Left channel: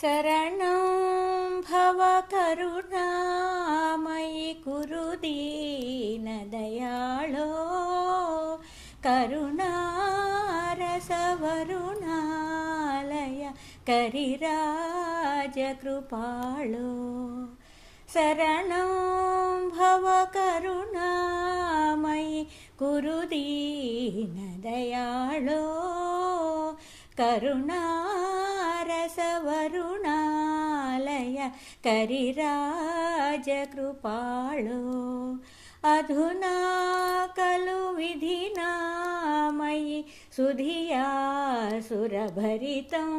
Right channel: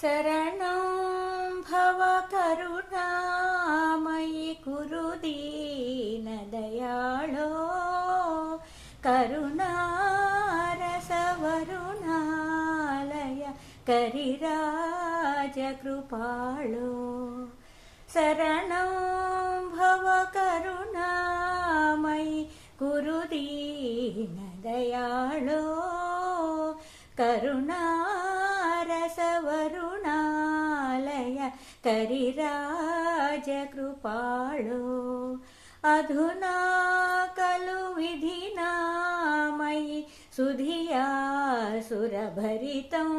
शरणं भव करुणामयि कुरु दीनदयाळो करुणारसवरुणालय करिराजकृपाळो शरणं भव करुणामयि कुरु दीनदयाळो करुणारसवरुणालय करिराजकृपाळो अधुना खलु विधिना मयि सुधिया सुरभरितं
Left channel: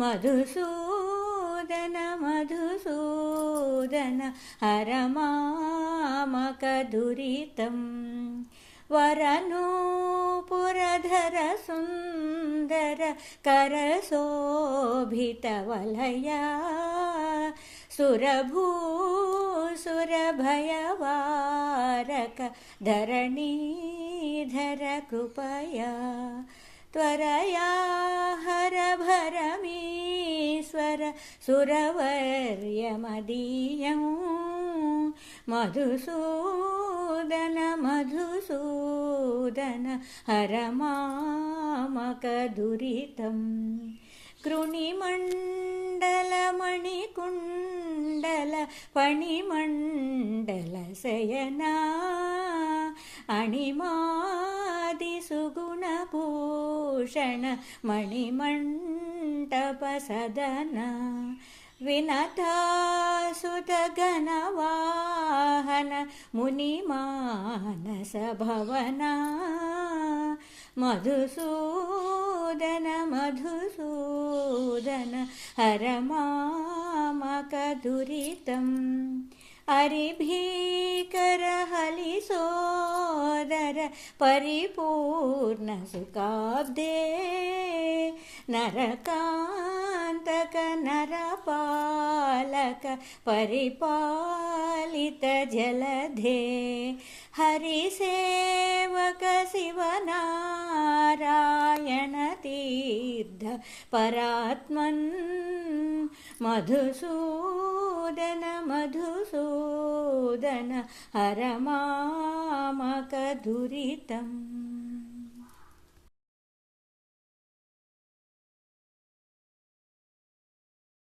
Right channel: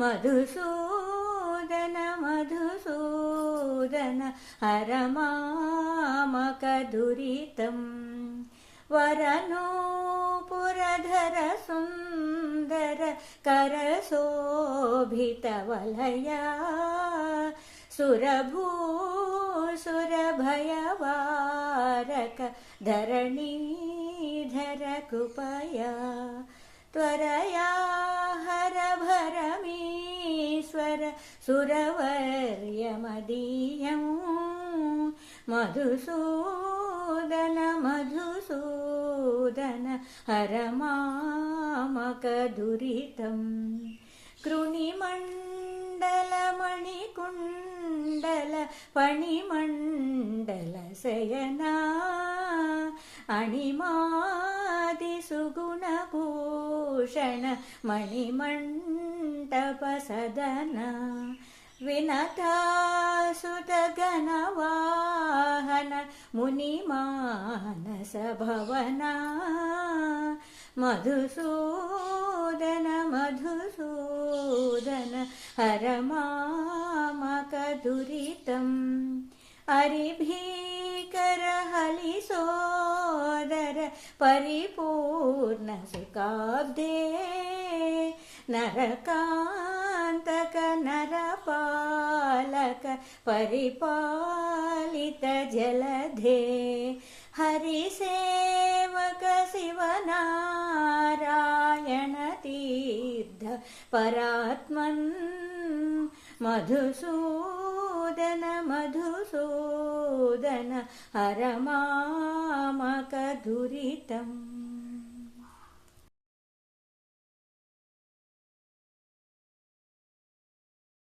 मधुसूदन मधुसूदन हर मामकदुरितं वरनूपुरधर सुन्दर करशोभितवलया सुरभूसुरभयवारक धरणीधर कृपया त्वरया हर भरमीश्वर सुरवर्यमदीयं मधुसूदन मधुसूदन हर मामकदुरितं कृणिमण्डलमणिकुण्डल फणिमण्डलशयना अणिमादिसुगुणभूषण मणिमण्टपसदन विनतासुतगणवाहन मुनिमानसभवना मधुसूदन मधुसूदन हर मामकदुरितं हरिभीकर हलिसोदर परिपूर्ण सुखाब्दे नरकान्तक नरपालक परिपालित जलधे हरिसेवक शिवनारायण तीर्थ परात्मन् मधुसूदन मधुसूदन हर मामकदुरितम्।